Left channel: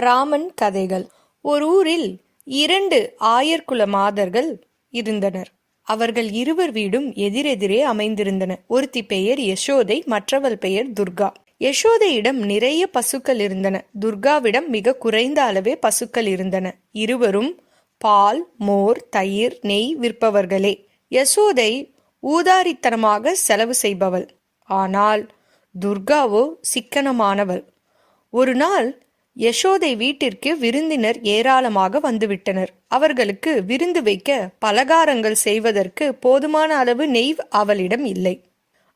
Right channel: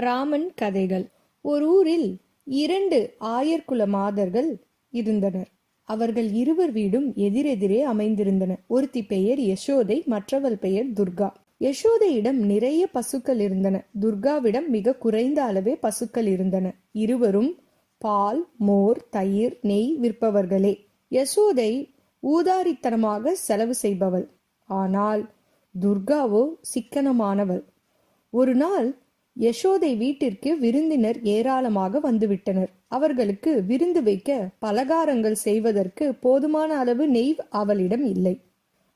ராமன் கதைகள். ஒரு ஊரில் இரண்டு ஆயர்குல மாதர்கள் இருந்தனர். அவர்கள் இருவர் வீடும் எதிரெதிரே அமைந்திருந்தன. ஒருத்தி பெயர் யசோதை மற்றவள் பெயர் துர்கா. யசோதையிடம் நிறைய பசுக்கள் இருந்தன. துர்காவிடம் மிக குறைந்த அளவே பசுக்கள் இருந்தன. இருவரும் பால் மோர் தயிர் நெய் விற்பவர்களே. யசோதை ஊதாரித்தனமாக செலவு செய்பவள். ஆனால் துர்காவோ சிக்கனமானவள். ஒரு நாள் யசோதை வீட்டிற்கு விருந்தினர் ஏராளமாக வந்துவிட்டனர். அவர்களுக்கு விருந்து வைக்க பலகாரங்கள் செய்வதற்கு போதுமான அளவு நெய் அவளிடம் இல்லை.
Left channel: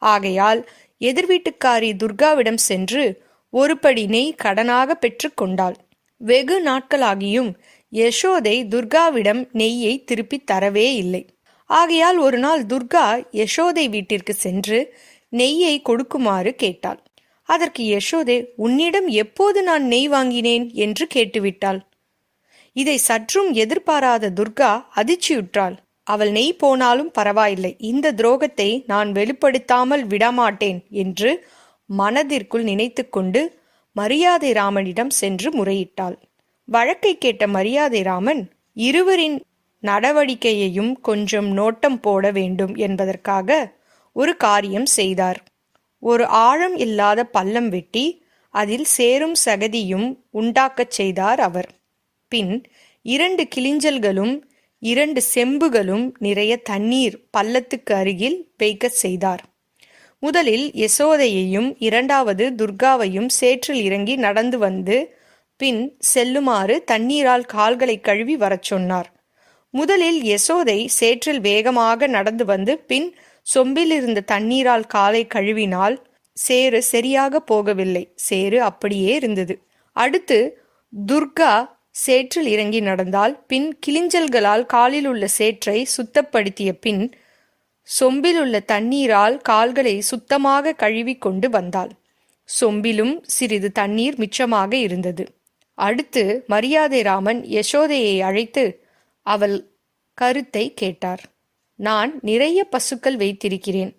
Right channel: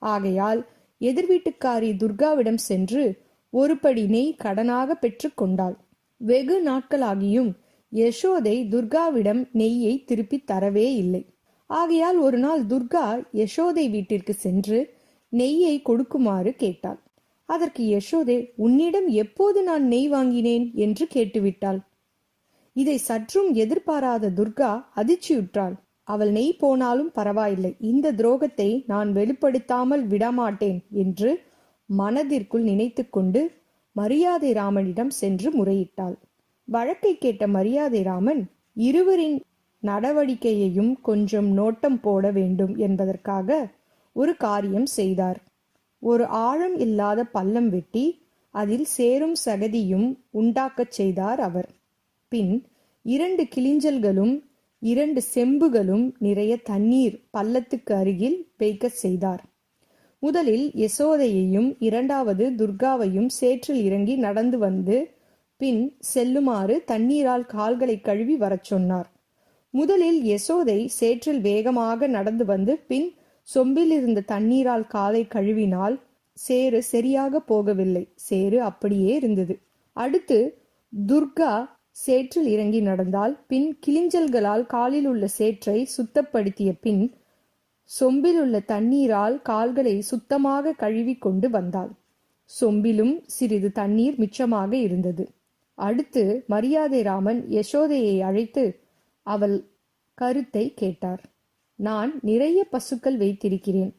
ஆகையால் எதிர் வீட்டுக்காரி துர்காவிடம் சென்று ஒரு படி நெய் கடனாக பெற்றுக்கொண்டாள் வெகு நாட்களாகியும் யசோதை துர்காவிடம் நெய்யை திருப்பி தரவே இல்லை. ஆகையால் ஒரு நாள் துர்கா யசோதை வீட்டிற்கு சென்று நெய்யை கொடுக்குமாறு கேட்டாள். அதற்கு யசோதே உன்னிடம் எப்போது நான் நெய் வாங்கினேன் என்று கேட்டுவிட்டாள். இதை சற்றும் எதிர்பாராத துர்கா அதிர்ச்சியுற்றாள். அவள் நெய் போனாலும் பரவாயில்லை. இந்த துரோகத்தை நான் வெளிப்படுத்தாமல் விடமாட்டேன் என்று மனதிற்குள் நினைத்துக்கொண்டு மரியாதை ராமனிடம் சென்று முறையிட்டாள். வழக்கை கேட்ட மரியாதை ராமன் இருவரின் நடவடிக்கையையும் கொஞ்சம் நோட்டம் போட வேண்டும் என்பதற்காக ஒரு காரியம் செய்தார். ஒரு ஆழம் இல்லாத பள்ளம் வெட்டி அதில் சேரும் சகதியும் உண்டாக்கச் செய்தார் அவர். பின் இரண்டு கிளிஞ்சல்களும் இரண்டு செம்புகளும் நிறைய தண்ணீர் பள்ளத்துக்கு அருகில் வைக்கச் செய்தார். முதலில் யசோதையையும் இரண்டாவது துர்காவையும் சேற்றில் இறங்கி நடந்து வந்து பின் செல்லுமாறு தண்ணீரால் கால்களை கழுவி வரச் சொன்னார். முதலில் யசோதை சேற்றில் வேகமாக நடந்து வந்து பின் சொம்பில் இருந்த தண்ணீரால் காலை கழுவினால் சேறு சரியாக போகவில்லை. சேறு அப்படியே இருந்தது. அடுத்து துர்கா சேற்றில் இறங்கி நடந்தால் பின் கிளிஞ்சல்களால் காலில் உள்ள சேற்றை சுத்தப்படுத்திய பின் சொம்பில் உள்ள தண்ணீரால் கால்களை சுத்தமாக கழுவி கொண்டு வந்தாள். சொம்பிலும் சிறிது தண்ணீர் மிச்சமாக இருந்தது. அடுத்து மரியாதை ராமன் யசோதையை அழைத்து அவள் கருத்தை கேட்டார். நான் நிறைய பசுக்கள் வைத்திருக்கிறேன்.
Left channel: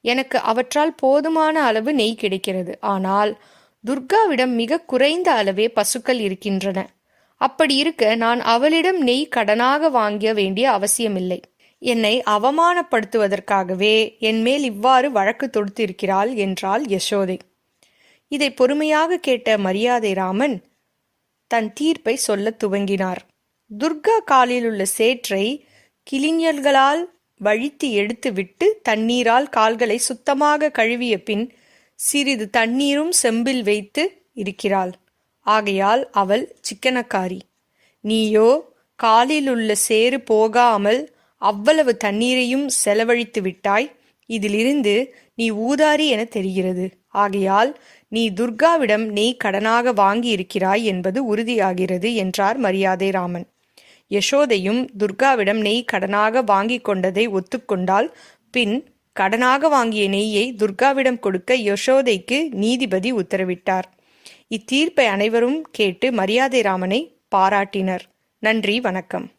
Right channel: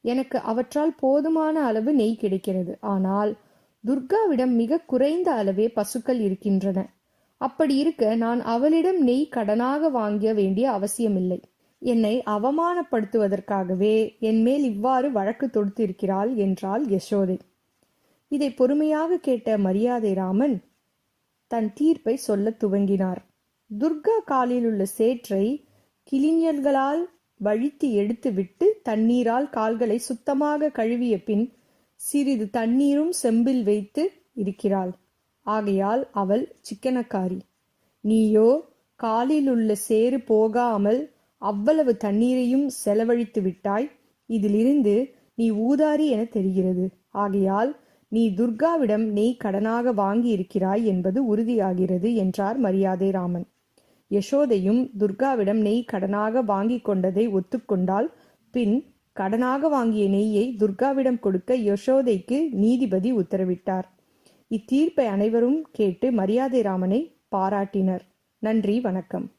எனக்கு அவற்றால் போதுமான அளவு நெய் கிடைக்கிறது. ஆனால் துர்காவிடம் மிக குறைந்த அளவே பசுக்கள் இருக்கின்றன. அப்படி இருக்க நான் அவளிடம் நெய் கடனாக வாங்க வேண்டிய அவசியமில்லை. என்னை அவமானப்படுத்துவதற்காகவே என் மேல் இவ்வாறு வழக்கு தொடுத்திருக்கிறாள் என்றாள் யசோதை. இதை பொறுமையாக கேட்ட மரியாதை ராமன் தன் தீர்ப்பை சொல்லத் துவங்கினார். துர்கா காலில் உள்ள சேற்றை கிளிஞல்களால் வழித்து எடுத்துவிட்டு தண்ணீரால் கால்களை சுத்தமாக கழுவிய பின் சிறிது தண்ணீரும் செம்பில் வைத்து இருக்கிறாள். ஆகையால் அவள் சிக்கனக்காரி. நீயோ காலில் உள்ள சேறு போகாமல் அவ்வளவு தண்ணீரையும் செலவழித்து விட்டாய். இதிலிருந்து நீ ஊதாரி என தெரிகிறது. ஆகையால் நீ துர்காவிடம் நெய் கடனாக வாங்கி இருக்கிறாய் என்பது உறுதியாகிறது என்றார் மரியாதை ராமன் யசோதையும் துர்காவிடம் நெய் கடனாக வாங்கி கொண்டதை ஒத்துக்கொண்டால் பின் கடனாக வாங்கிய நெய்யை துர்காவிடம் கொடுக்க யசோதைக்கு நீதிபதி உத்தரவிட்டார். இத்தீர்ப்பை அனைவரும் கேட்டு மரியாதை ராமனை பாராட்டினர். நன்றி வணக்கம்.